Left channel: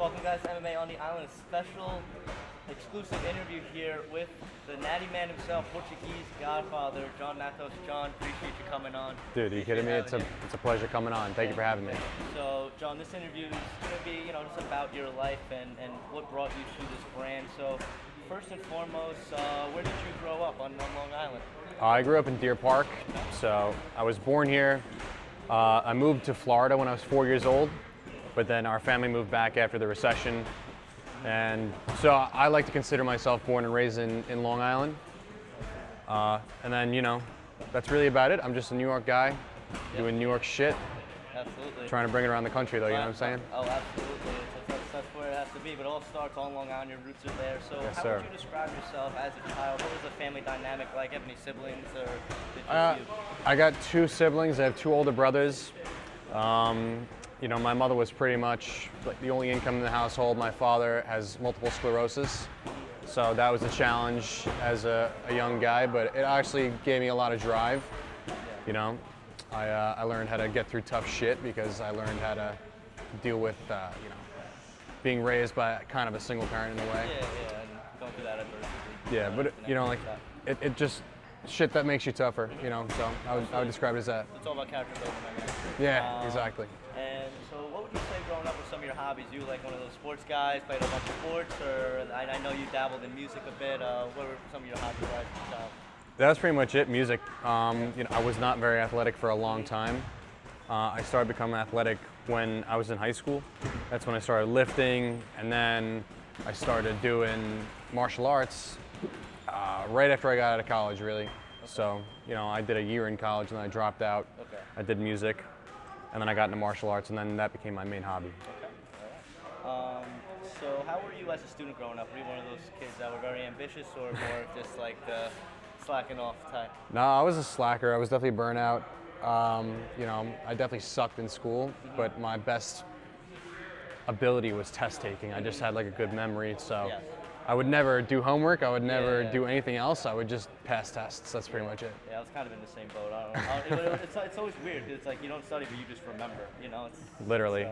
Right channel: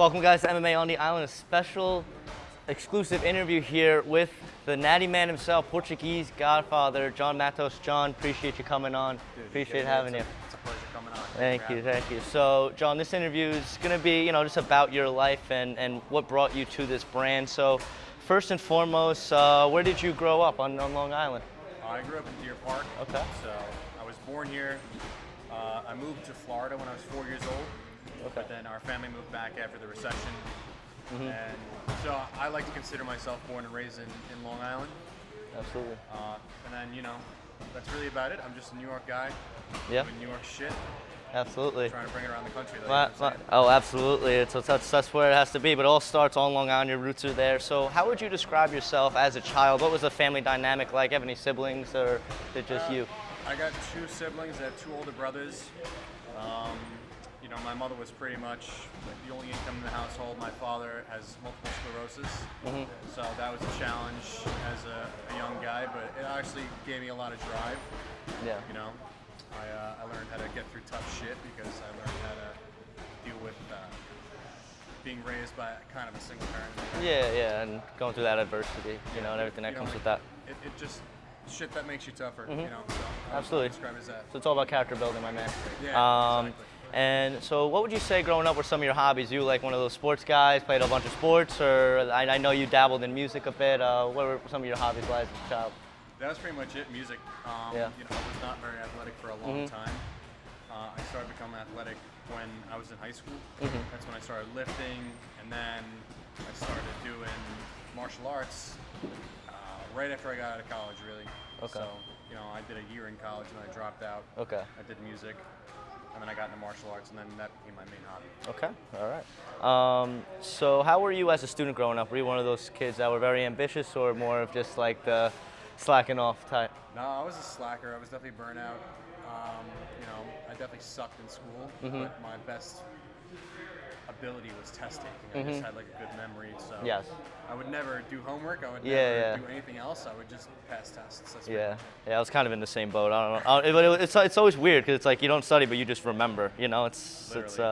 Welcome guys to MMA on the Island, a special exclusive interview here with the natty man himself, Portuguese Godfather, Jon Matos. Jon, appreciate you coming on. Dude, appreciate having you. It's a pleasure coming on. Thank you for having me. Thank you. So, Jon, this interview is going to be, just about your life and what brought you to this brand. So, first and foremost, where did you grow up on Long Island? I grew up in Deer Park. Okay. So, I was born here. I moved to Florida when I was 4 years old. But then our family moved back after the recession. And so I like to consider myself born and raised in Long Island. Absolutely. And then, that's really about it. I'm just a New York guy doing New York shit. Absolutely. Trying to bring it around the country, though, you know what I'm saying? Oh, absolutely. That's where it has to be. But it all starts on Long Island. Your roots are there. So how would you describe yourself as a child? What was the family dynamic like? Have any siblings or is it just you? I got two siblings. I have two older brothers. My mother was pretty much like the only income in the household. My father has multiple sclerosis, so that was a challenge as a young guy, but it actually gave me a lot of drive. Yeah. I learned how to get through tough shit because I learned how to deal with being raised by kind of a single parent in a way. Yeah, and going through that adversity. Yeah, but like that. It just shit that makes you tougher, so I would describe it as that. So it's all about character building, my man. Yeah, exactly. And so what would you say growing up were some of your hobbies? You like one of those sports guys, played a bunch of sports, or I know you dabbled in music a bit. What were some of your hobbies like as a child? That's pretty much it, music. I was not very athletic for a long time. I started becoming athletic when I was in high school. That's when I started lifting, and then I started doing martial arts right after I got out of college, really. Okay. So, I did a year in college, and then I dropped out. Okay. I did music, and then I got into martial arts, and then that became my main hobby. Okay, all right. So how were you as a student growing up? Were you one of those kids that were very ambitious or more of just like the slacking off type? No, I was a slacker. I was definitely burnout. I definitely sucked in school, but my best ability was test taking. I just had like a good memory, so yes. I would never do homework. I would never do anything else. I would just pass tests. That's pretty much it. Yeah, I was kind of in the same boat. I don't know. But it's always weird because it's like you don't study, but you just remember. It's literally.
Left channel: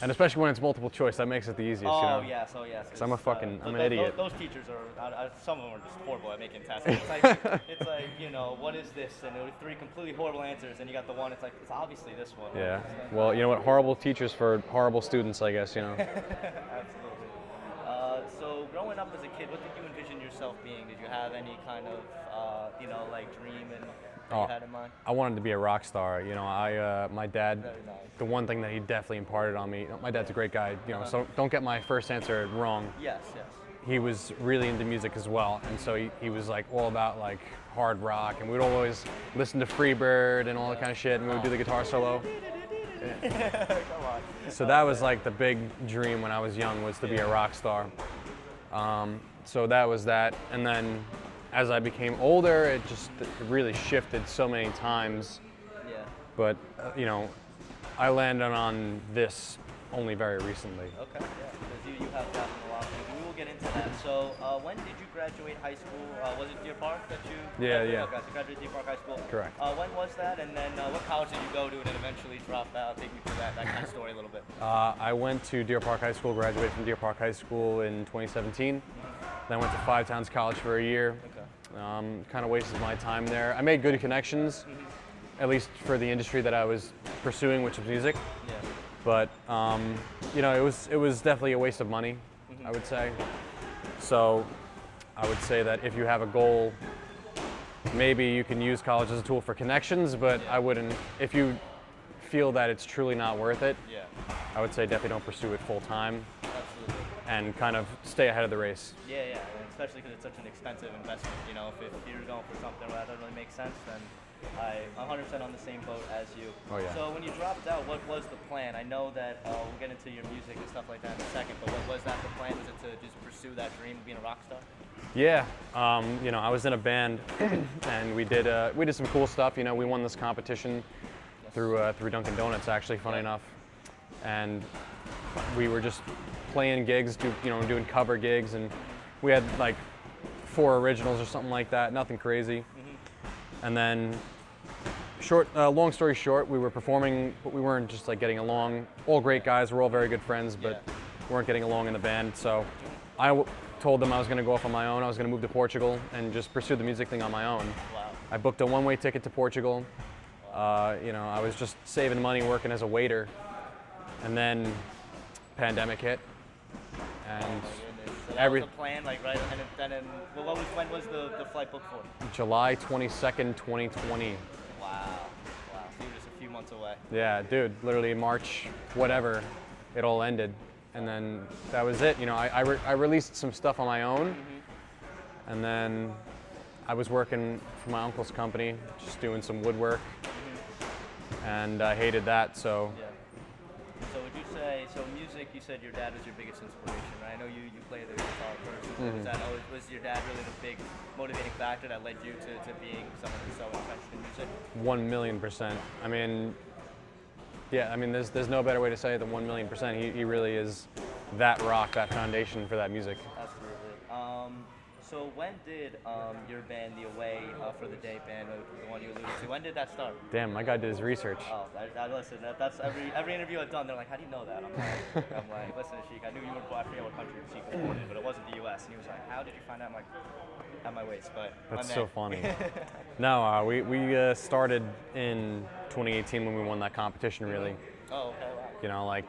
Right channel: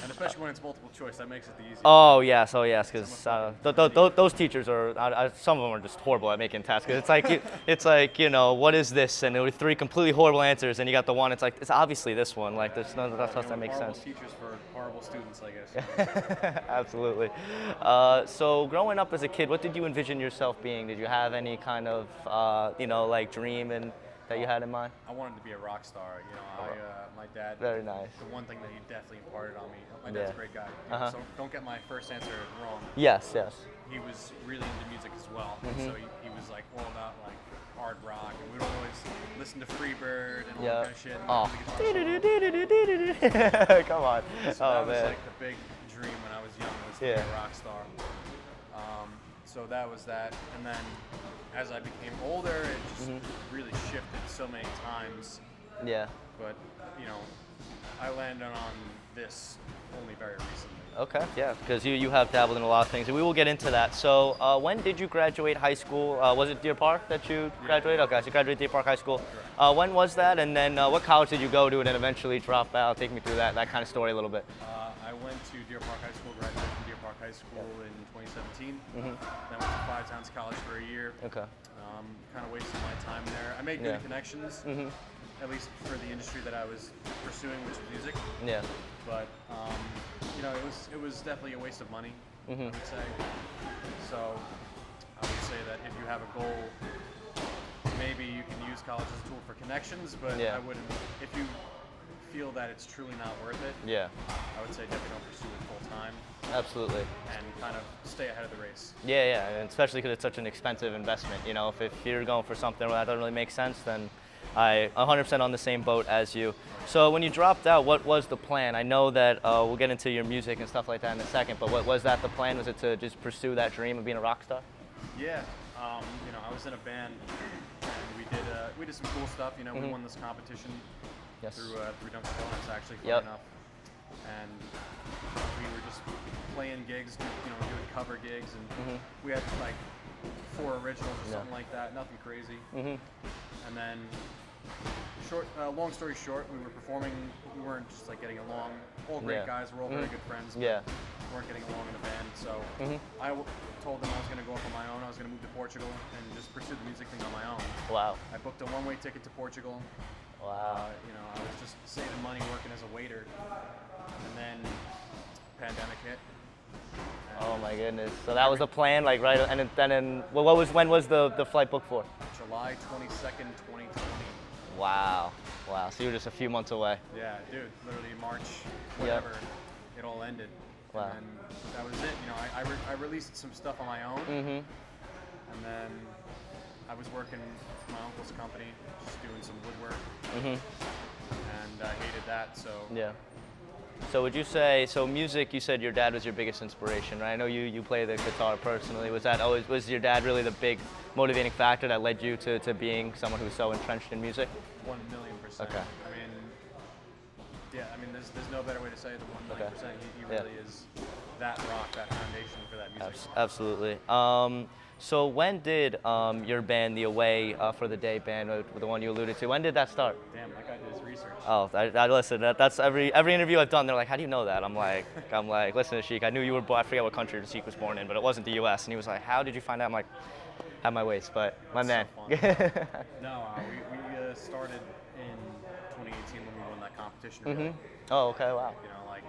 And especially when it's multiple choice, that makes it the easiest. Oh yes, because I'm a fucking those teachers are some of them are just horrible at making tasks. It's like what is this? And it was three completely horrible answers, and you got the one. It's like it's obviously this one. Yeah. Like there's none. Well, you know what? Horrible teachers for horrible students, I guess. Absolutely. So growing up as a kid, what did you envision yourself being? Did you have any kind of dream that you had in mind? I wanted to be a rock star. My dad. Very nice. The one thing that he definitely imparted on me. My dad's a great guy. So don't get my first answer wrong. Yes. He was really into music as well, and so he was like all about like hard rock, and we'd always listen to Freebird and all that kind of shit, and we'd do the guitar solo. Come on. So that was like the big dream when I was young, was to be a rock star. So that was that, and then as I became older, it just really shifted so many times. Yeah. But I landed on this only very recently. Okay, yeah, because you have dabbled in a lot of things, and we will get into that. So when did you graduate high school? Was it Deer Park that you graduated? Yeah. Okay, so you graduated Deer Park High School. Correct. When was that, and then what college did you go to and then eventually drop out? Take me through that kind of story a little bit. I went to Deer Park High School, graduated from Deer Park High School in 2017. Then went to Five Towns College for a year. Okay. Kind of wasted my time there. I made good connections, at least for the industry that I was pursuing, which was music. Yeah. But it was definitely a waste of money, I would say. So I would say that if you have a goal, maybe you can use college as a tool for connections, but I wouldn't. If you feel that it's truly not worth it, I would say definitely don't pursue it full time. Absolutely. And kind of stay ahead of the race. Yeah, and especially because it's such an expensive investment. If you're going for something where that doesn't really make sense, then I'm 100% on the same boat as you. Oh, yeah. So when you dropped out, what was the plan? I know that we'll get into your music and stuff like that in a second, but what was that the plan? Was it to just pursue that dream of being a rock star? Yeah, I was in a band, and we did some cool stuff. We won this competition through Dunkin' Donuts, actually, funny enough, and we were just playing gigs, doing cover gigs, and we had like 4 originals or something like that, nothing crazy. And then, long story short, we were performing, but we weren't just like getting along. All great guys, we're all very good friends, but weren't getting along in the band. So I told them I was going to go off on my own. I was going to move to Portugal and just pursue the music thing on my own. Wow. I booked a one-way ticket to Portugal. Wow. You know, I was just saving money working as a waiter, and then pandemic hit. Oh my goodness! So that was the plan, like right, and then when was the flight booked for? July 22nd, 2020. Wow, wow. So you were just a few months away. Yeah, dude. Literally March, whatever, it all ended, and then that was it. You know, I released some stuff on my own, and then I was working for my uncle's company, just doing some woodwork, and I hated that. So yeah. So would you say, so music, you said your dad was your biggest inspiration, right? I know you play the guitar personally. Was your dad really the big motivating factor that led you to being someone who's so entrenched in music? 1,000,000%. Okay. I mean, yeah, I mean, there's no better way to say it than 1,000,000%. He really is that rock, that foundation for that music. Absolutely. So when did your band, the Away for the Day band, the one you alluded to, when did that start? Damn, my guy did his research. Oh, I listen. That's every interview I've done. They're like, "How do you know that?" I'm like, "Listen, Sheik, I knew you were born. I forget what country Sheik was born in, but it wasn't the U.S." And he was like, "How did you find out?" I'm like, "At my waist." But that's my man. So funny. No, we started in 2018 when we won that competition. Really. Oh, okay, wow. You know, like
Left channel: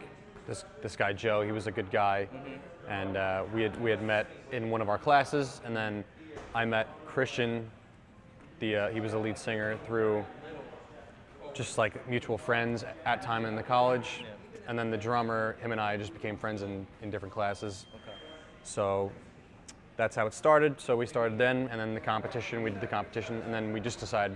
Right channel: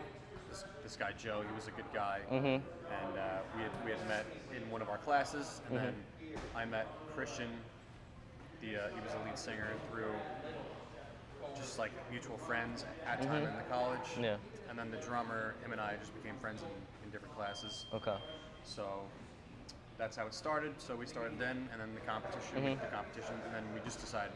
this guy Joe, he was a good guy, and we had met in one of our classes, and then I met Christian. He was the lead singer through just like mutual friends at time in the college, and then the drummer, him and I just became friends in different classes. Okay. So that's how it started. So we started then, and then the competition. We did the competition, and then we just decided,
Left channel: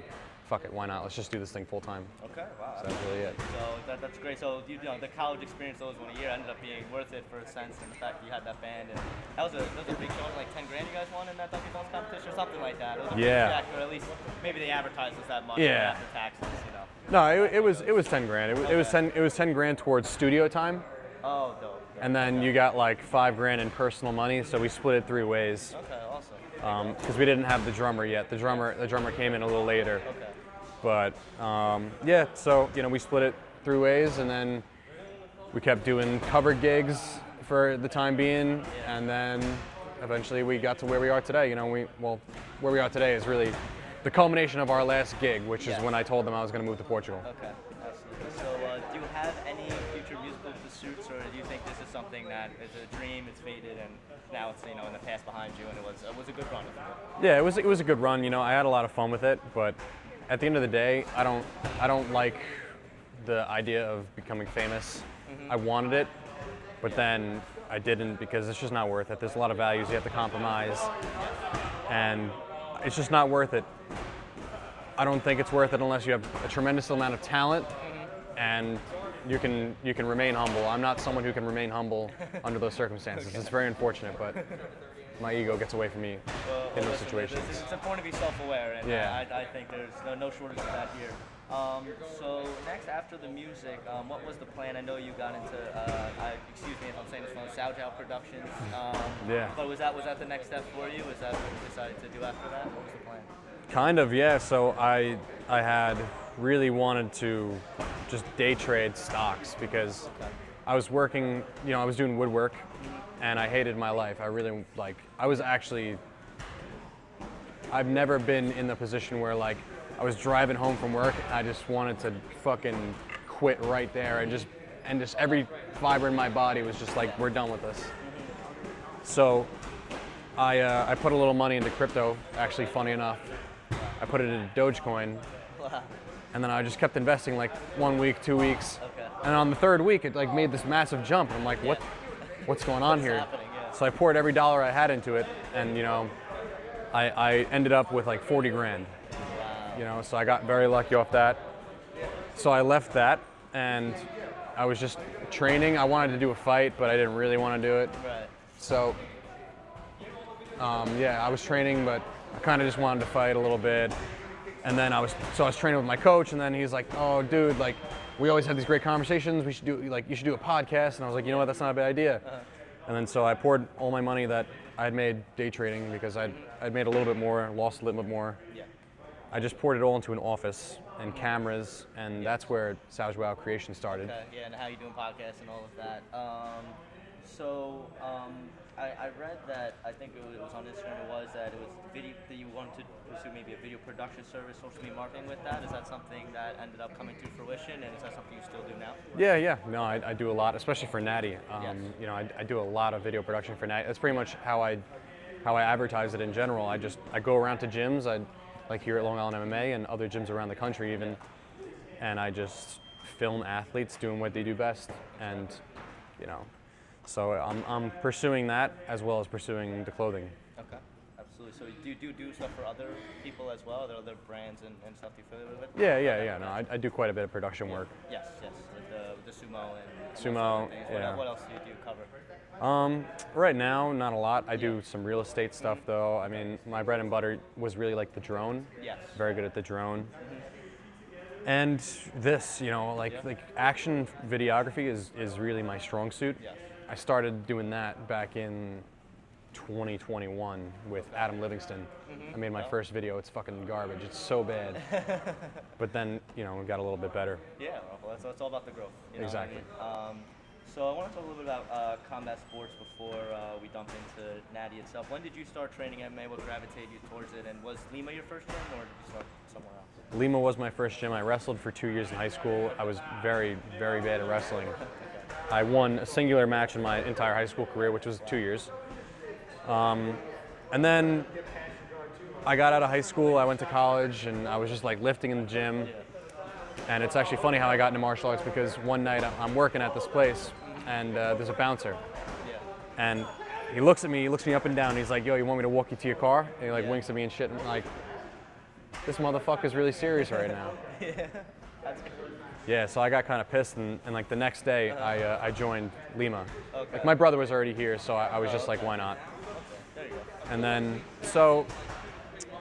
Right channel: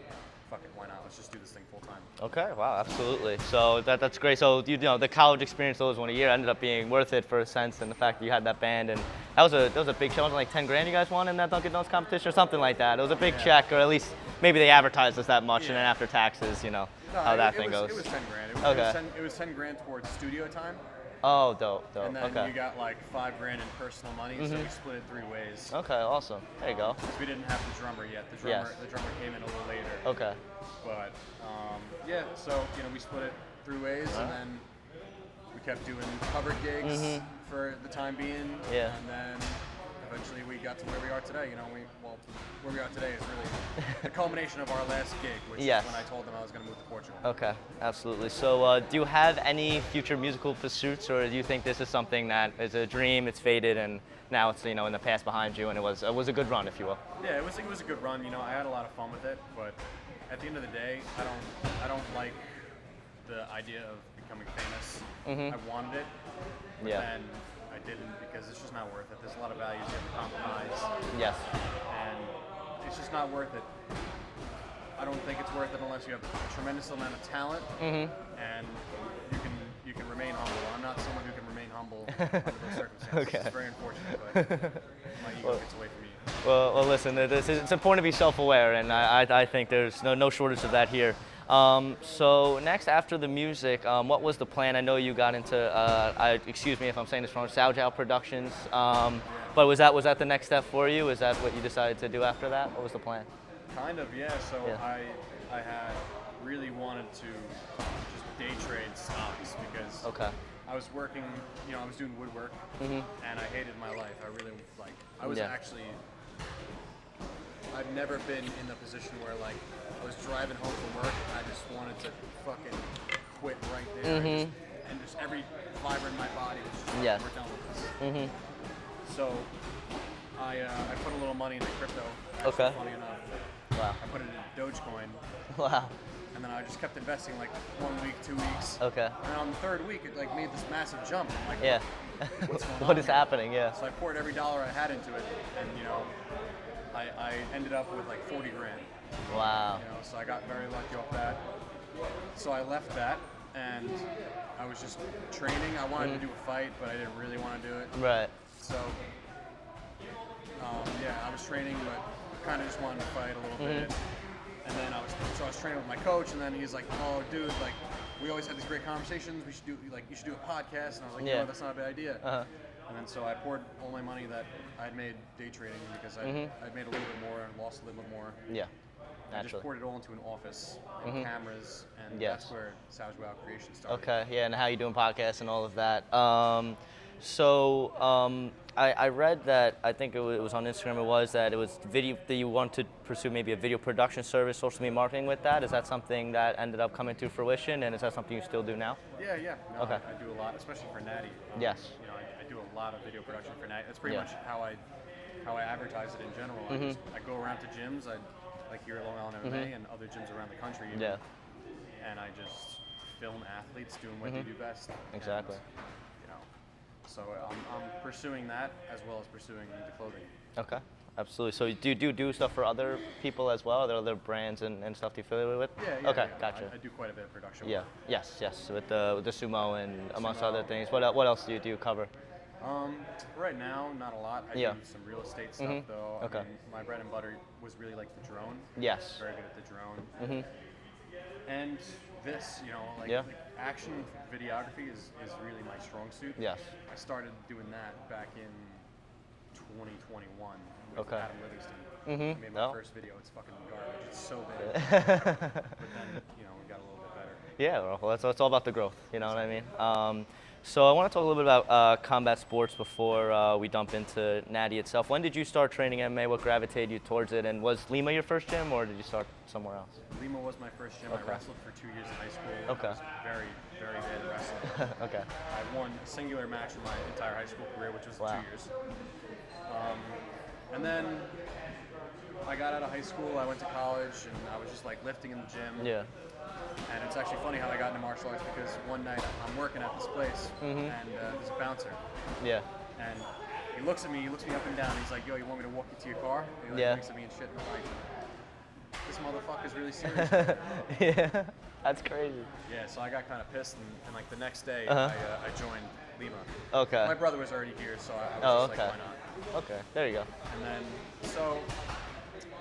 fuck it, why not? Let's just do this thing full time. Okay, wow, absolutely. So that's great. So you know the college experience, those 1 year, ended up being worth it for a sense, and the fact that you had that band, and that was a big show. Like 10 grand you guys won in that Dunkin' Donuts competition or something like that. It was a big check, or at least maybe they advertised us that much, and after taxes, you know. No, it was 10 grand. It was 10 grand towards studio time. Oh, dope. And then you got like 5 grand in personal money, so we split it 3 ways. Okay, awesome. There you go. Because we didn't have the drummer yet. The drummer came in a little later. Okay. But yeah, so you know we split it 3 ways, and then we kept doing cover gigs for the time being, and then eventually we got to where we are today. You know, where we are today is really the culmination of our last gig, which is when I told them I was going to move to Portugal. Okay, absolutely. So do you have any future musical pursuits, or do you think this is something that is a dream, it's faded, and now it's, you know, in the past behind you, and it was a good run, if you will? Yeah, it was a good run. You know, I had a lot of fun with it, but at the end of the day, I don't like the idea of becoming famous. I wanted it, but then I didn't, because it's just not worth it. There's a lot of values you have to compromise. Yes. And it's just not worth it. I don't think it's worth it unless you have a tremendous amount of talent and you can remain humble. I'm not someone who can remain humble under those circumstances. Okay. It's very unfortunate, but my ego gets away from me. Well listen, it's important to be self-aware, and I think there's no shortage of that here. So next, after the music, what was the plan? I know you got into, excuse me if I'm saying this wrong, Saujao Productions. But was that the next step for you? Is that what you decided to do after that? What was the plan? Kind of, yeah. So I had really wanted to just day trade stocks, because I was working, you know, I was doing woodwork, and I hated my life. I really, like, I was actually, I've never been in the position where, like, I was driving home from work, I just wanted to fucking quit right there, and just every fiber in my body was just like, we're done with this. So I put a little money into crypto, actually, funny enough. Wow. I put it into Dogecoin. Wow. And then I just kept investing, like 1 week, 2 weeks. Okay. And on the 3rd week, it like made this massive jump. I'm like, what's going on what here? What is happening, So I poured every dollar I had into it, and you know, I ended up with like 40 grand. Wow. You know, so I got very lucky off that. So I left that, and I was just training. I wanted to do a fight, but I didn't really want to do it. Right. So I was training, but I kind of just wanted to fight a little bit. And then I was training with my coach, and then he's like, "Oh, dude, like, we always had these great conversations. You should do a podcast." And I was like, "You know what? That's not a bad idea." And then so I poured all my money that I had made day trading, because I'd made a little bit more, lost a little bit more. Yeah. I just poured it all into an office and cameras, and that's where Saujao Creation started. Okay, yeah, and how you doing podcasts and all of that. So I read that, I think it was on Instagram, it was that it was video, that you want to pursue maybe a video production service, social media marketing with that. Is that something that ended up coming to fruition, and is that something you still do now? Yeah. No, Okay. I do a lot, especially for Natty. Yes. You know, I do a lot of video production for Natty. That's pretty much how I advertise it in general. I go around to gyms, like here at Long Island MMA and other gyms around the country even, and I just film athletes doing what they do best. Exactly. And you know, so I'm pursuing that as well as pursuing the clothing. Okay, absolutely. So do you do stuff for other people as well? Are there other brands and stuff you affiliate with? Yeah. Okay, No, gotcha. I do quite a bit of production work. Yes, with the sumo and amongst Sumo, other things. yeah. What else do you cover? Right now, not a lot. I Yeah. do some real estate stuff though. I mean, my bread and butter was really like the drone. Yes. Very good at the drone. And this, you know, like action videography is really my strong suit. Yes. I started doing that back in 2021 with Adam Livingston. I made my first video. It's fucking garbage. It's so bad. But then, you know, it got a little bit better. Yeah, well, it's all about the growth. You know Exactly. what I mean? So I want to talk a little bit about combat sports before we dump into Natty itself. When did you start training MMA? What gravitated you towards it? And was Lima your first gym, or did you start somewhere else? Lima was my first gym. I wrestled for 2 years in high school. I was very, very bad at wrestling. Okay. I won a singular match in my entire high school career, which was 2 years. And then I got out of high school, I went to college, and I was just like lifting in the gym. Yeah. And it's actually funny how I got into martial arts, because one night I'm working at this place and there's a bouncer. Yeah. And he looks at me, he looks me up and down, he's like, yo, you want me to walk you to your car? And he like Yeah. winks at me and shit, and I'm like, this motherfucker's really serious right now. Yeah. That's crazy. Yeah, so I got kind of pissed, and like the next day I joined Lima. Okay. My brother was already here, so I was just okay. like, why not? Okay. There you go. And then, so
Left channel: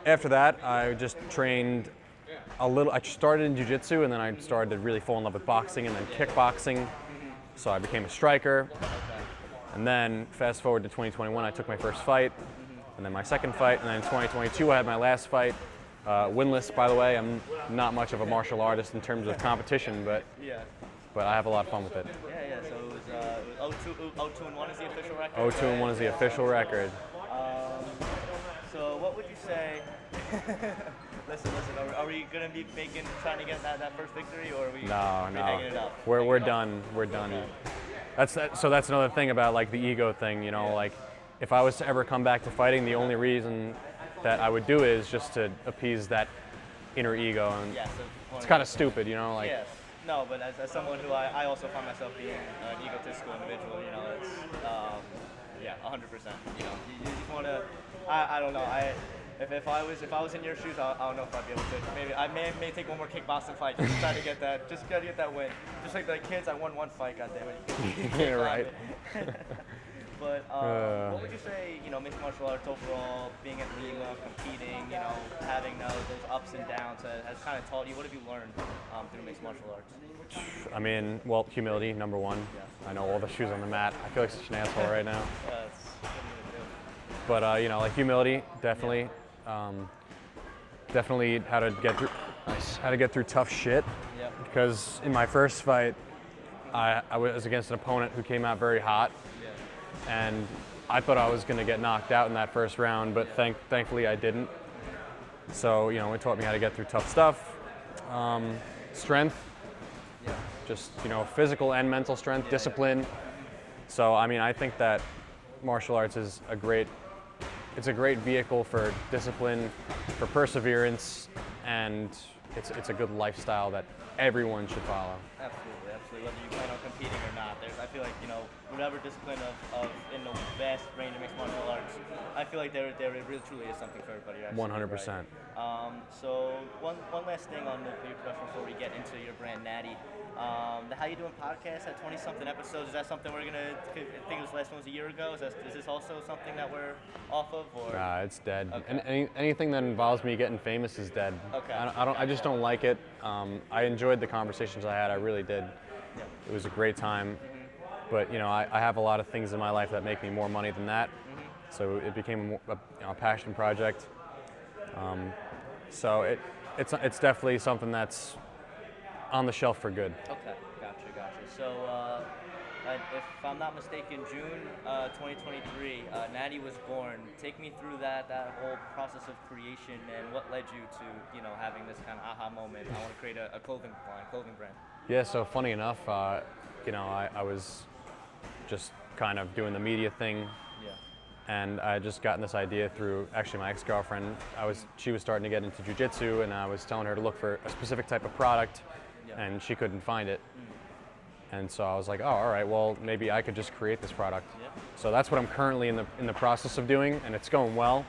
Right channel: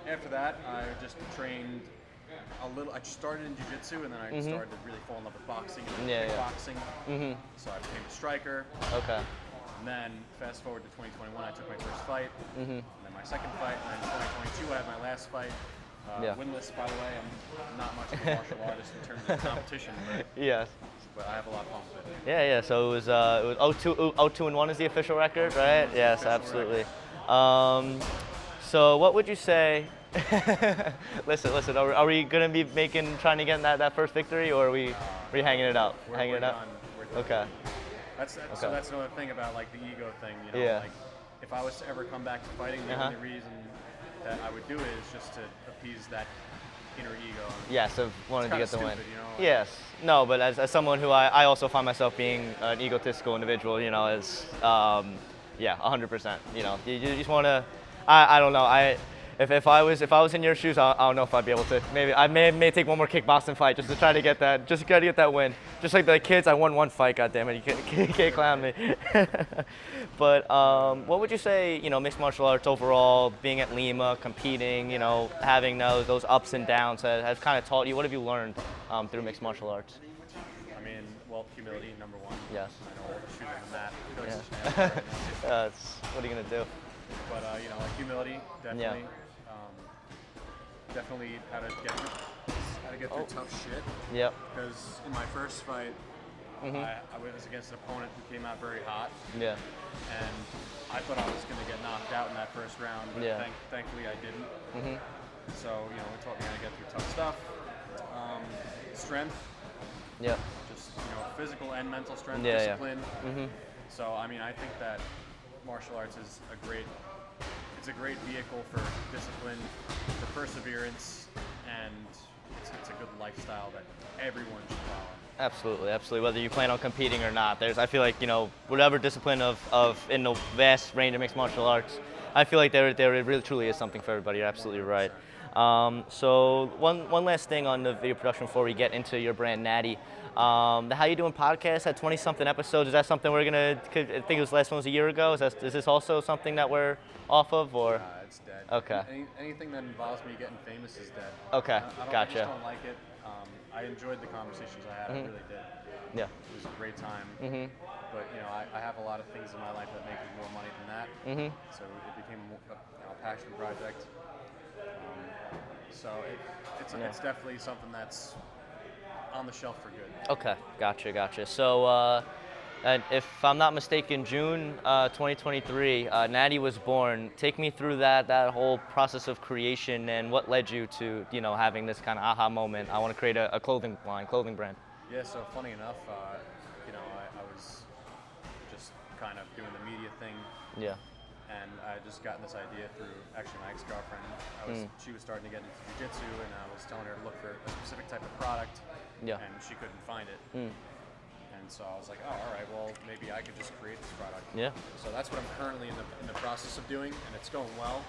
after that, I just trained a little. I started in jiu-jitsu, and then I started to really fall in love with boxing and then Yeah, yeah. kickboxing. So I became a striker. Okay. And then fast forward to 2021, I took my first fight, and then my second fight, and then in 2022 I had my last fight. Winless, by the way. I'm not much of a martial artist in terms of competition, but Yes. I have a lot of fun with it. Yeah. So it was 0-2-1 is the official record, 0-2-1 right? is the Yes, official absolutely. record. So what would you say? listen. Are we gonna be trying to get that first victory, or are we hanging it out? We're done. We're done. Okay. So that's another thing about like the ego thing, you know, Yeah. like if I was to ever come back to fighting, the only reason that I would do it is just to appease that inner ego. And Yes, it's kind of stupid, you know. Like, yes. No, but as someone who I also find myself being an egotistical individual, you know, is 100%. You know, you just want to. I don't know. If I was in your shoes, I don't know if I'd be able to. Maybe I may take one more kickboxing fight just to try to get that. Just to get that win. Just like the kids, I won one fight. God damn it, you can't clown me. But what would you say? You know, mixed martial arts overall, being at Lima, competing, you know, having those ups and downs has kind of taught you. What have you learned through mixed martial arts? I mean, well, humility, number one. Yes. I know all the shoes on the mat. I feel like such an asshole right now. What are you gonna do? But you know, like humility, definitely. Definitely how to get through tough shit. Yep. Because in my first fight, I was against an opponent who came out very hot. Yeah. And I thought I was going to get knocked out in that first round, but thankfully I didn't. So, you know, it taught me how to get through tough stuff. Strength. Yeah. Just, you know, physical and mental strength, Yeah, discipline. So, I mean, I think that martial arts is a great vehicle for discipline, for perseverance, and it's a good lifestyle that everyone should follow. Absolutely. Whether you plan on competing or not, I feel like, you know, whatever discipline of in the vast range of mixed martial arts, I feel like there really truly is something for everybody. You're absolutely 100%. right. So one last thing on the video production before we get into your brand Natty. The How You Doing podcast had 20-something episodes. Is that something we're gonna? I think it was the last one was a year ago. Is this also something that we're off of, or? Nah, it's dead. Okay. Anything that involves me getting famous is dead. Okay. I just Gotcha. don't like it. I enjoyed the conversations I had. I really did. Yeah. It was a great time. But you know, I have a lot of things in my life that make me more money than that. So it became a passion project. So it's definitely something that's on the shelf for good. Okay, gotcha. So If I'm not mistaken, June 2023, Natty was born. Take me through that whole process of creation and what led you to, having this kind of aha moment. I want to create a clothing brand. Yeah, so funny enough, I was just kind of doing the media thing. Yeah. And I had just gotten this idea through actually my ex-girlfriend. She was starting to get into jiu-jitsu, and I was telling her to look for a specific type of product, and she couldn't find it. And so I was like, oh, all right, well, maybe I could just create this product. Yeah. So that's what I'm currently in the process of doing, and it's going well.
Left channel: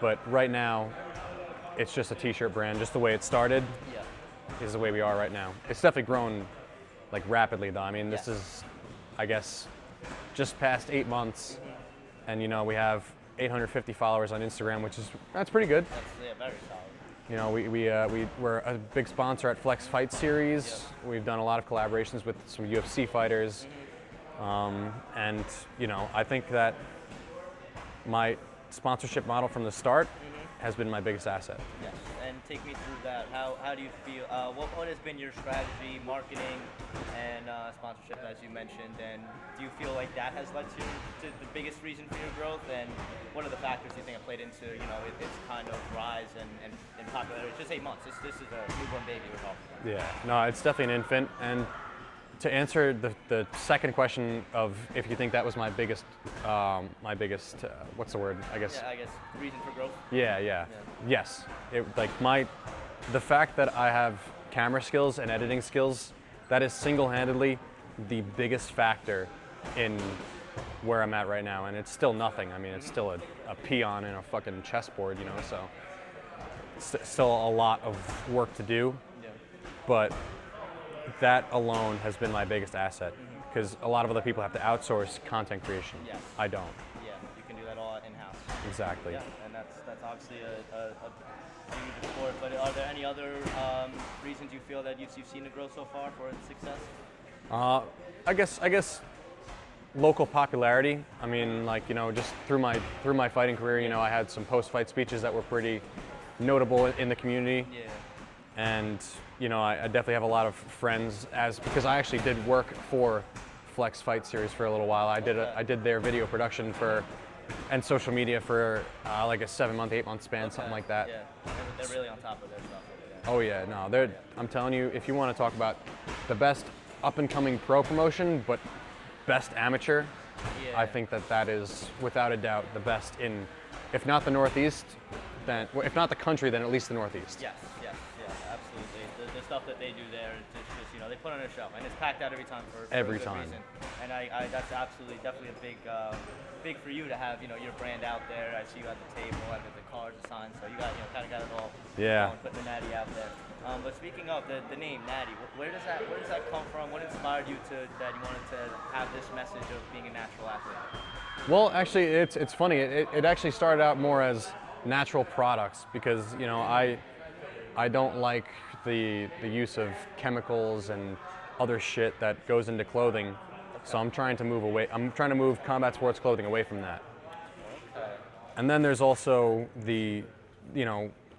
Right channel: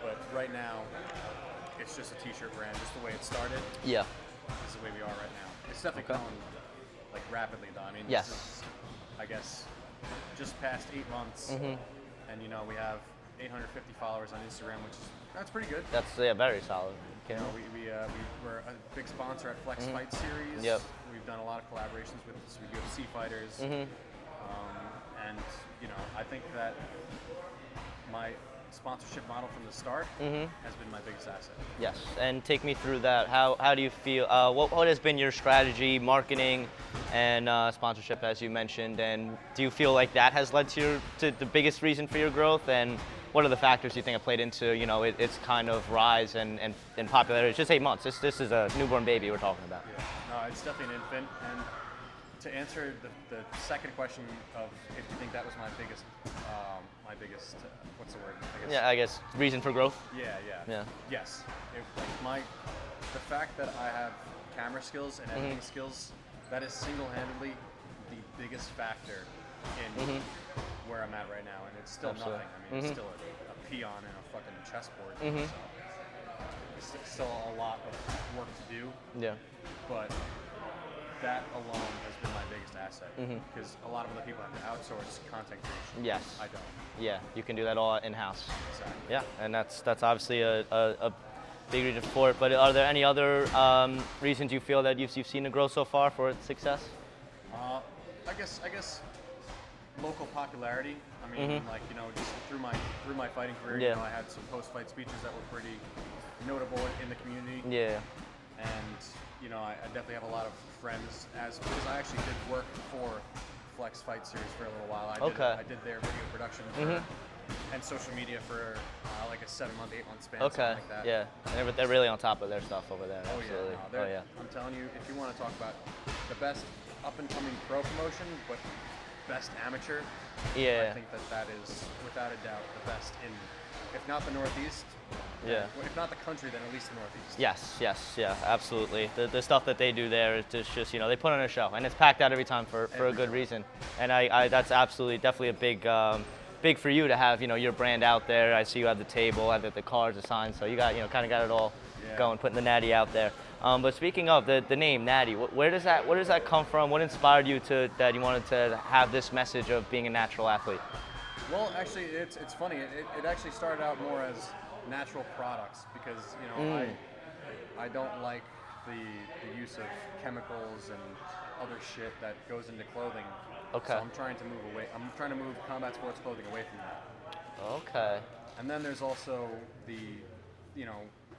But right now, it's just a t-shirt brand, just the way it started. Yeah. Is the way we are right now. It's definitely grown like rapidly, though. I mean, this is, I guess, just past 8 months, and we have 850 followers on Instagram, that's pretty good. That's very solid. We're a big sponsor at Flex Fight Series. Yep. We've done a lot of collaborations with some UFC fighters, and I think that my sponsorship model from the start has been my biggest asset. Yes, and take me through that. How do you feel? What has been your strategy, marketing, and sponsorship, as you mentioned? And do you feel like that has led to the biggest reason for your growth? And what are the factors you think have played into its kind of rise and popularity? It's just 8 months. This is a newborn baby we're talking about. Yeah, no, it's definitely an infant. And to answer the second question of if you think that was my biggest, what's the word? I guess reason for growth. Yeah. Yes, the fact that I have camera skills and editing skills, that is single-handedly the biggest factor in where I'm at right now, and it's still nothing. I mean, it's still a peon in a fucking chessboard, so it's still a lot of work to do. Yeah. But that alone has been my biggest asset, because a lot of other people have to outsource content creation. Yes. I don't. Yeah, you can do that all in-house. Exactly. Yeah, and that's obviously a big reason for it. But are there any other reasons you feel that you've seen it grow so far for its success? I guess local popularity. I mean, just through my fighting career, I had some post-fight speeches that were pretty notable in the community. Yeah. And I definitely have a lot of friends because I actually did work for Flex Fight Series for a little while. I did their video production for and social media for like a 7-month, 8-month span, something like that. Yeah, they're really on top of their stuff over there. Oh yeah, no, I'm telling you, if you want to talk about the best up-and-coming pro promotion, but best amateur, I think that is without a doubt the best in, if not the Northeast, then, if not the country, then at least the Northeast. Yes, absolutely. The stuff that they do there is just they put on a show, and it's packed out every time for a good reason. And I that's definitely a big for you to have your brand out there. I see you have the table, have the cards, the signs, so you got kind of got it all going, putting the Natty out there. But speaking of the name Natty, where does that come from? What inspired you that you wanted to have this message of being a natural athlete? Well, actually, it's funny. It actually started out more as natural products, because I don't like the use of chemicals and other shit that goes into clothing. Okay. So I'm trying to move combat sports clothing away from that. Okay. And then there's also the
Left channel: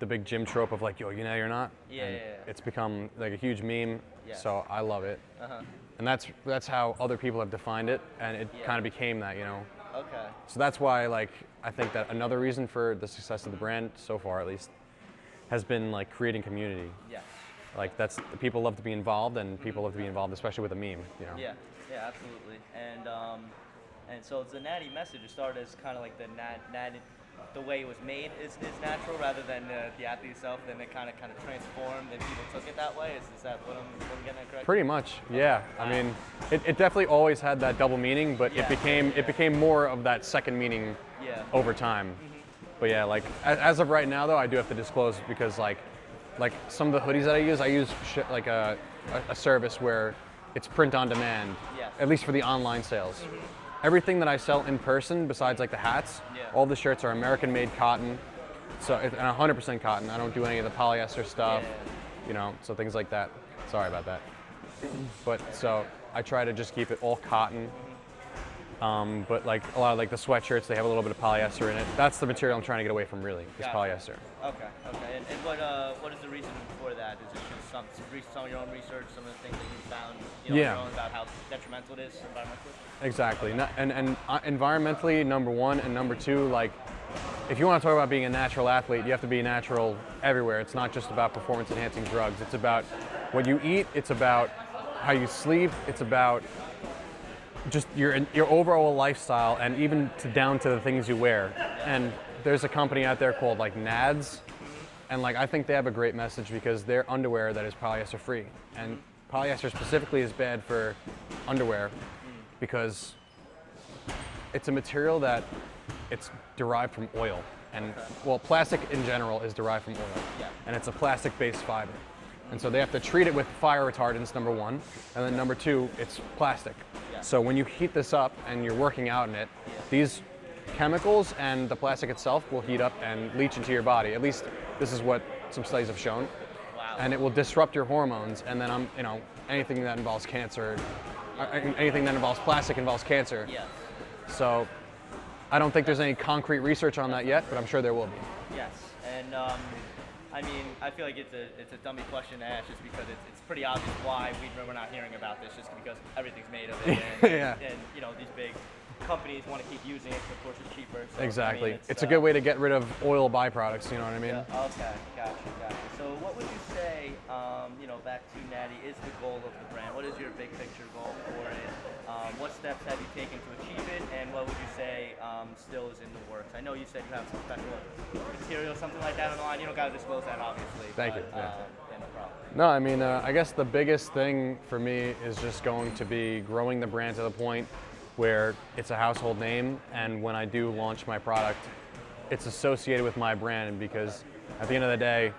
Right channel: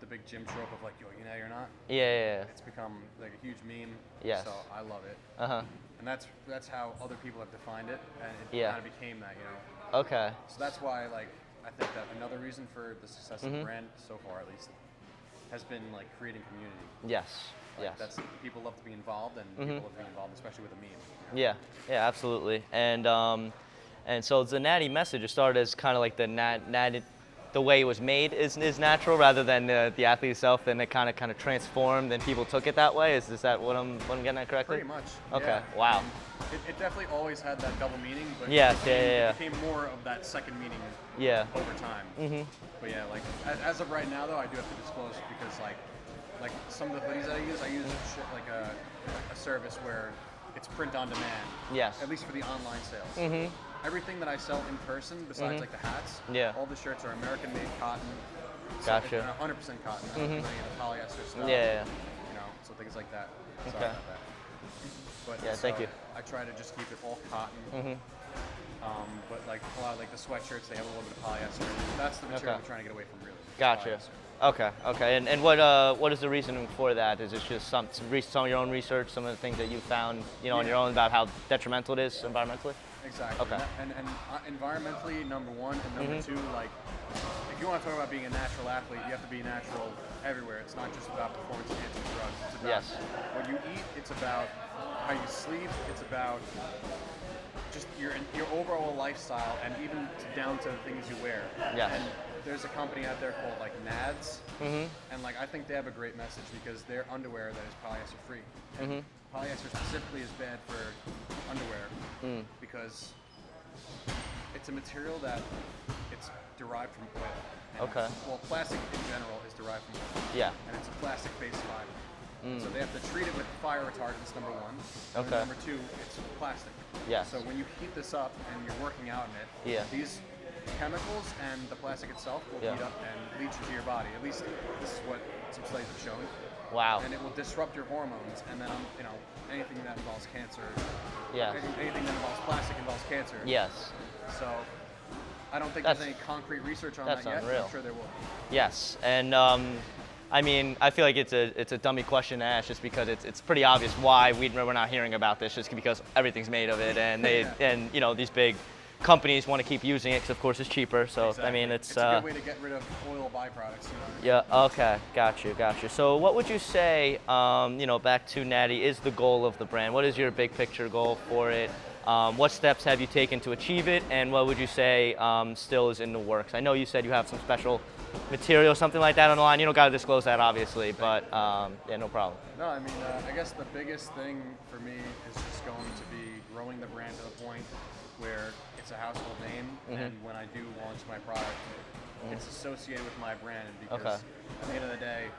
big gym trope of like, yo, you're not. Yeah. It's become like a huge meme. Yes. So I love it. And that's how other people have defined it, and it kind of became that, Okay. So that's why, I think that another reason for the success of the brand so far, at least, has been creating community. Yes. That's people love to be involved, and people love to be involved, especially with a meme. Yeah, absolutely. And so the Natty message, it started as kind of like the way it was made is natural rather than the athlete itself. Then it kind of transformed, and people took it that way. Is that what I'm getting at correctly? Pretty much. Okay. Yeah. Wow. I mean, it definitely always had that double meaning, but it became more of that second meaning over time. But yeah, as of right now though, I do have to disclose, because like some of the hoodies that I use a service where it's print on demand. Yes. At least for the online sales. Everything that I sell in person, besides the hats, all the shirts are American-made cotton, and 100% cotton. I don't do any of the polyester stuff. So things like that. Sorry about that. But I try to just keep it all cotton. But like a lot of like the sweatshirts, they have a little bit of polyester in it. That's the material I'm trying to get away from, really. Gotcha. Polyester. Okay. And what is the reason for that? Is it just some of your own research, some of the things that you found, on your own about how detrimental it is environmentally? Exactly. Okay. And environmentally, number one, and number two, like, if you want to talk about being a natural athlete, you have to be natural everywhere. It's not just about performance-enhancing drugs. It's about what you eat. It's about how you sleep. It's about just your overall lifestyle, and even down to the things you wear. Yes. And there's a company out there called like NADS, and like I think they have a great message because they're underwear that is polyester free, and polyester specifically is bad for underwear because it's a material that it's derived from oil. And well, plastic in general is derived from oil. Yeah. And it's a plastic-based fiber. And so they have to treat it with fire retardants, number one, and then number two, it's plastic. Yes. So when you heat this up and you're working out in it, these chemicals and the plastic itself will heat up and leach into your body. At least this is what some studies have shown. Wow. And it will disrupt your hormones, and then anything that involves cancer, anything that involves plastic involves cancer. Yes. So I don't think there's any concrete research on that yet, but I'm sure there will be. Yes, and I mean, I feel like it's a dummy question to ask just because it's pretty obvious why we're not hearing about this, just because everything's made of it, and and these big companies want to keep using it because of course it's cheaper. So exactly. I mean, it's a good way to get rid of oil byproducts. You know what I mean? Yeah. Okay. Got you. So what would you say? Back to Natty, is the goal of the brand? What is your big picture goal for it? What steps have you taken to achieve it, and what would you say still is in the works? I know you said you have some special material, something like that on the line. You don't got to disclose that, obviously, but yeah, no problem. No, I mean, I guess the biggest thing for me is just going to be growing the brand to the point where it's a household name, and when I do launch my product, it's associated with my brand, because at the end of the day,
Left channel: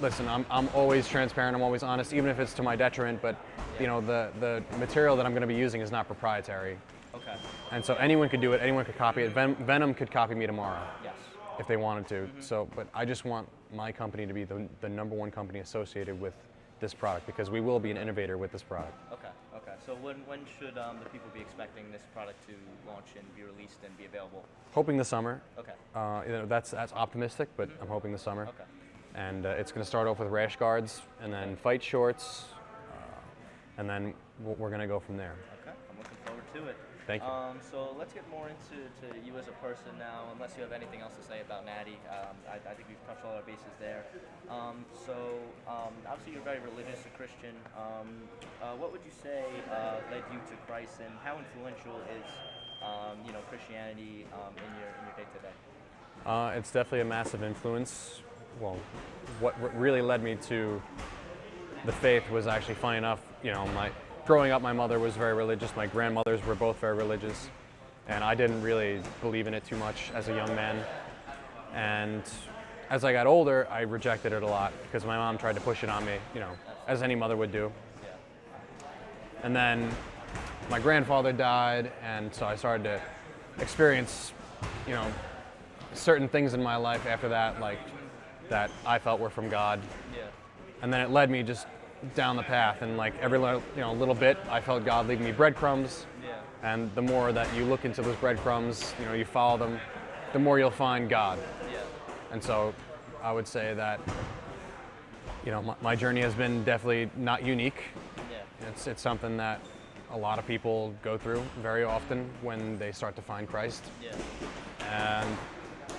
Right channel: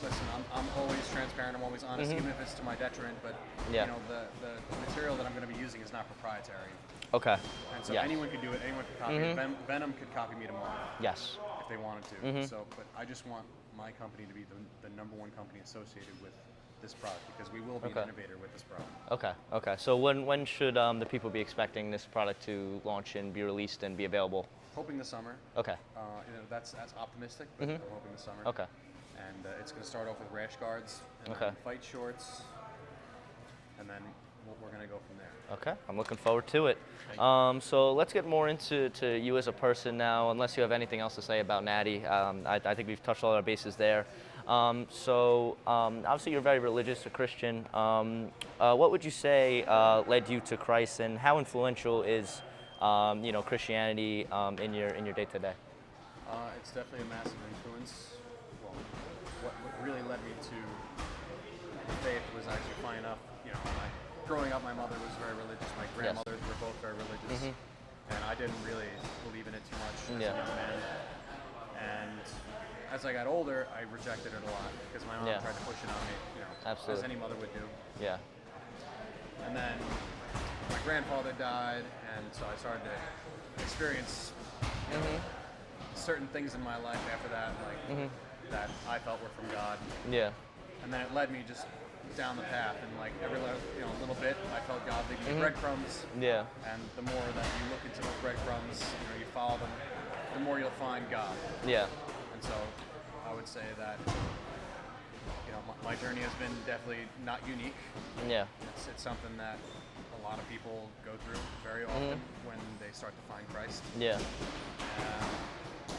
listen, I'm always transparent, I'm always honest, even if it's to my detriment, but the material that I'm going to be using is not proprietary. Okay. And so anyone could do it, anyone could copy it. Venom could copy me tomorrow. Yes. If they wanted to. So, but I just want my company to be the number one company associated with this product, because we will be an innovator with this product. Okay. So when should the people be expecting this product to launch and be released and be available? Hoping the summer. Okay. That's optimistic, but I'm hoping the summer. Okay. And it's going to start off with rash guards, and then fight shorts, and then we're going to go from there. Okay. I'm looking forward to it. Thank you. So let's get more into you as a person now, unless you have anything else to say about Natty. I think we've touched all our bases there. Obviously you're very religious, a Christian. What would you say led you to Christ, and how influential is Christianity in your day-to-day? It's definitely a massive influence. Well, what really led me to the faith was actually, funny enough, growing up, my mother was very religious. My grandmothers were both very religious, and I didn't really believe in it too much as a young man. And as I got older, I rejected it a lot because my mom tried to push it on me, as any mother would do. Yeah. And then my grandfather died, and so I started to experience, certain things in my life after that, like that I felt were from God. Yeah. And then it led me just down the path, and like every little bit, I felt God leaving me breadcrumbs. Yeah. And the more that you look into those breadcrumbs, you follow them, the more you'll find God. Yeah. And so I would say that, my journey has been definitely not unique. Yeah. It's something that a lot of people go through very often when they start to find Christ. Yeah. And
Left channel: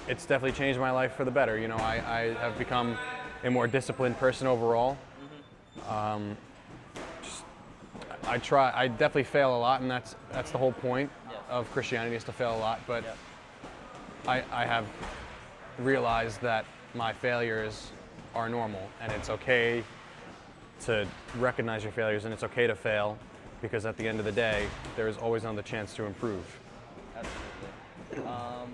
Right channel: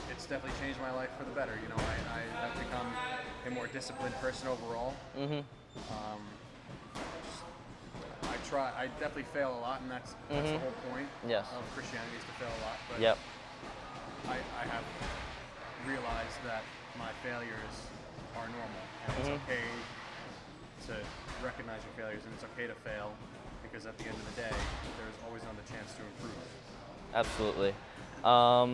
it's definitely changed my life for the better. I have become a more disciplined person overall. I definitely fail a lot, and that's the whole point of Christianity, is to fail a lot. But I have realized that my failures are normal, and it's okay to recognize your failures, and it's okay to fail, because at the end of the day, there's always another chance to improve. Absolutely. I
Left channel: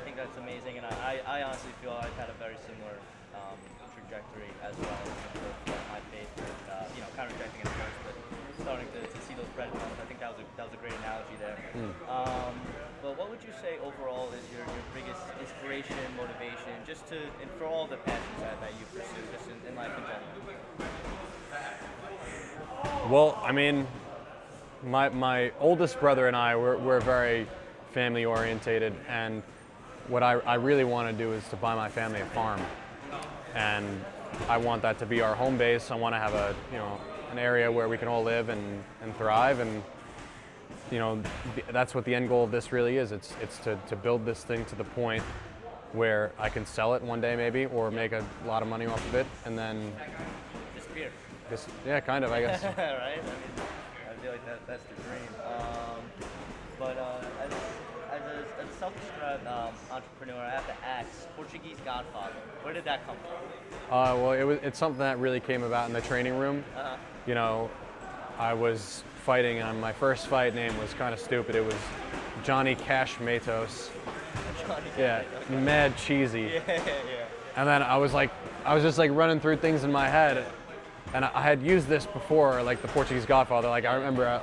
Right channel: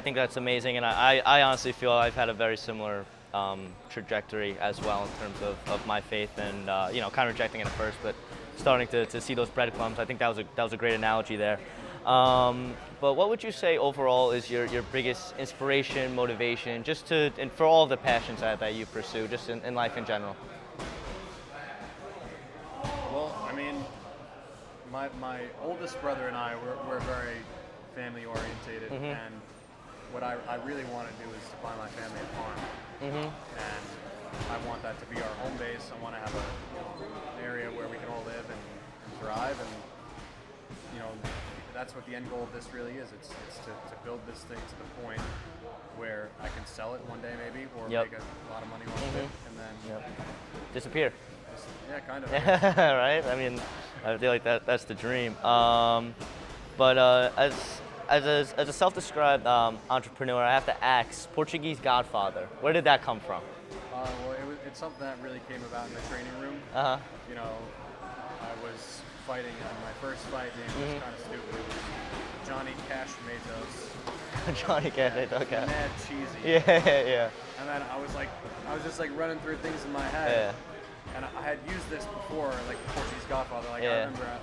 think that's amazing, and I honestly feel I've had a very similar trajectory as well in terms of my faith, and kind of rejecting it at first, but starting to see those breadcrumbs. I think that was a great analogy there. But what would you say overall is your biggest inspiration, motivation, and for all the passions that you pursue, just in life in general? Well, I mean, my oldest brother and I, we're very family orientated, and what I really want to do is to buy my family a farm, and I want that to be our home base. I want to have an area where we can all live and thrive, and that's what the end goal of this really is. It's to build this thing to the point where I can sell it one day maybe, or make a lot of money off of it, and then disappear. Yeah, kind of, I guess. Right? I mean, I feel like that's the dream. But as a self-described entrepreneur, I have to ask, Portuguese Godfather, where did that come from? Well, it's something that really came about in the training room. I was fighting, and my first fight name was kind of stupid. It was Johnny Cash Matos. Johnny Cash, okay. Mad cheesy. Yeah. And then I was just running through things in my head. Yeah. And I had used this before, like the Portuguese Godfather. I remember,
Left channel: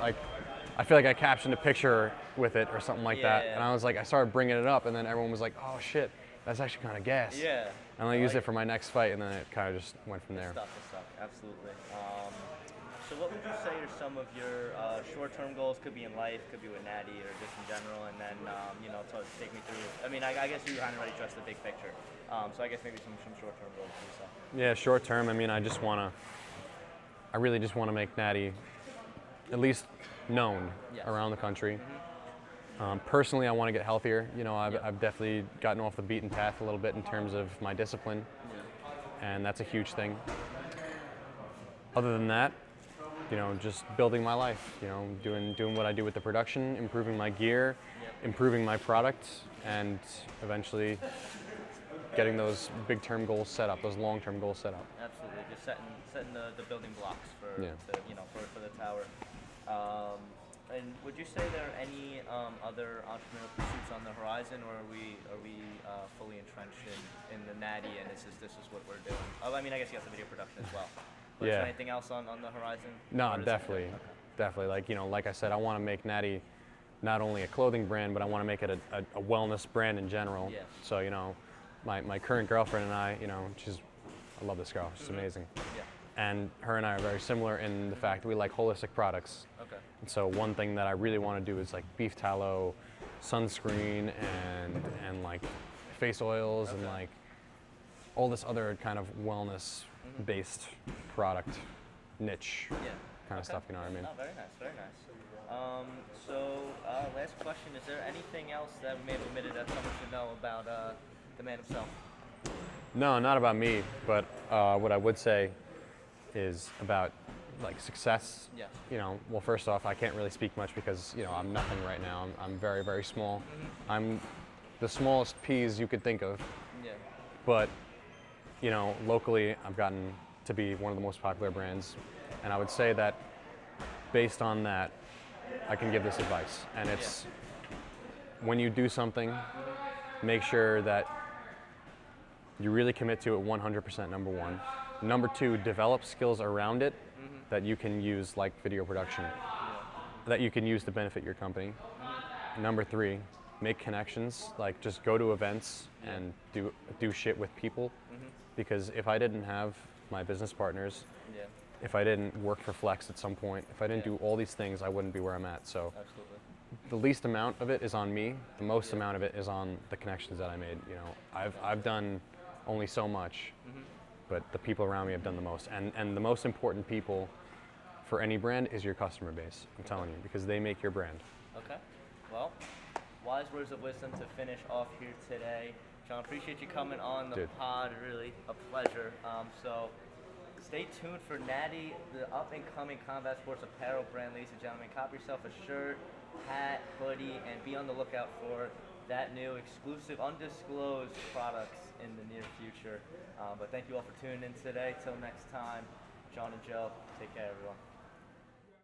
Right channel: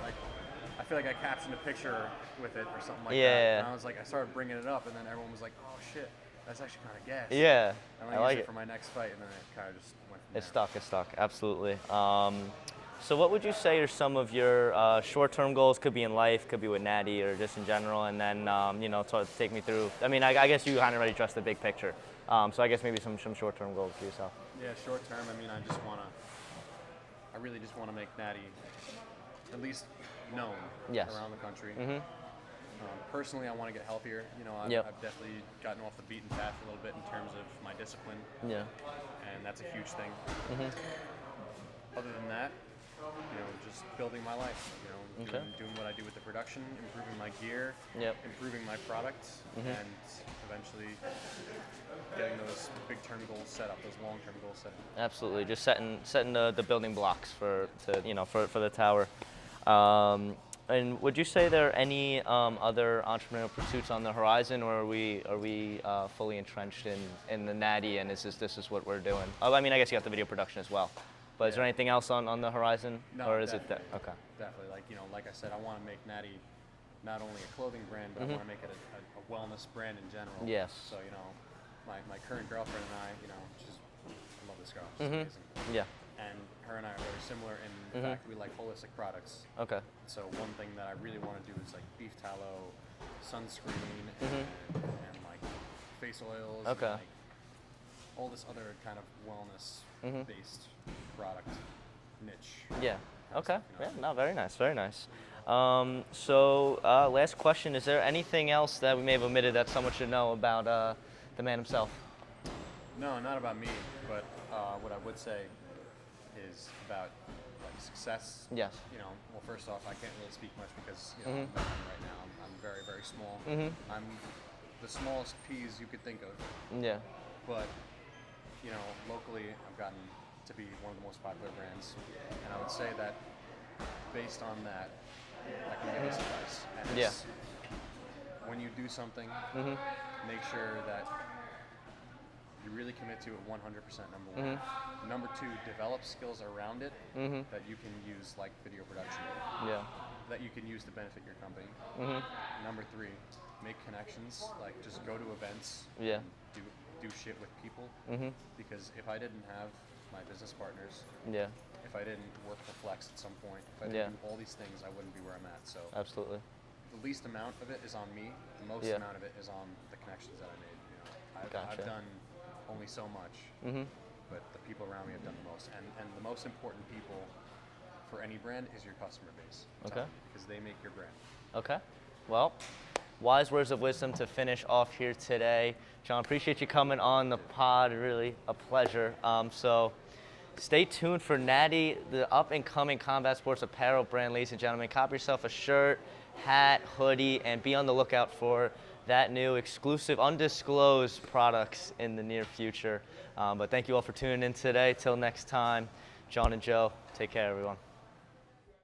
I feel like I captioned a picture with it or something like that. And I started bringing it up, and then everyone was like, "Oh shit, that's actually kind of gas." Yeah. And I used it for my next fight, and then it kind of just went from there. It's stuck, absolutely. So what would you say are some of your short-term goals? Could be in life, could be with Natty, or just in general, and then take me through. I mean, I guess you kind of already addressed the big picture. So I guess maybe some short-term goals for yourself. Yeah, short-term. I mean, I really just want to make Natty at least known around the country. Personally, I want to get healthier. I've definitely gotten off the beaten path a little bit in terms of my discipline. Yeah. And that's a huge thing. Other than that, just building my life. Doing what I do with the production, improving my gear, improving my product, and eventually getting those big-term goals set up, those long-term goals set up. Absolutely, just setting the building blocks for the tower. And would you say there are any other entrepreneurial pursuits on the horizon, or are we fully entrenched in the Natty, and this is what we're doing? Oh, I mean, I guess you got the video production as well. But is there anything else on the horizon? No, definitely. Okay. Definitely. Like I said, I want to make Natty not only a clothing brand, but I want to make it a wellness brand in general. Yes. So my current girlfriend and I, I love this girl. She's amazing. Yeah. And her and I are very similar in the fact that we like holistic products. Okay. And so one thing that I really want to do is like beef tallow, sunscreen, and like face oils, and like all this other kind of wellness-based product niche. Yeah. Kind of stuff, you know what I mean? No, very nice, very nice. Last question: is there anything else that we may have omitted that someone should know about the man himself? No, not about me, but what I would say is about like success. Yes. Well, first off, I can't really speak much because I'm nothing right now. I'm very, very small. I'm the smallest peas you could think of. Yeah. But locally, I've gotten to be one of the most popular brands, and I would say that based on that, I can give this advice, and it's when you do something, make sure that you really commit to it 100%, number one. Number two, develop skills around it that you can use, like video production, that you can use to benefit your company. Number three, make connections, like just go to events and do shit with people. Because if I didn't have my business partners, if I didn't work for Flex at some point, if I didn't do all these things, I wouldn't be where I'm at. So absolutely, the least amount of it is on me. The most amount of it is on the connections that I made. I've done only so much, but the people around me have done the most. And the most important people for any brand is your customer base. I'm telling you, because they make your brand. Okay. Well, wise words of wisdom to finish off here today. Jon, appreciate you coming on the pod. Really a pleasure. So stay tuned for Natty, the up-and-coming combat sports apparel brand, ladies and gentlemen. Cop yourself a shirt, hat, hoodie, and be on the lookout for that new exclusive, undisclosed products in the near future. But thank you all for tuning in today. Till next time, Jon and Joe, take care, everyone.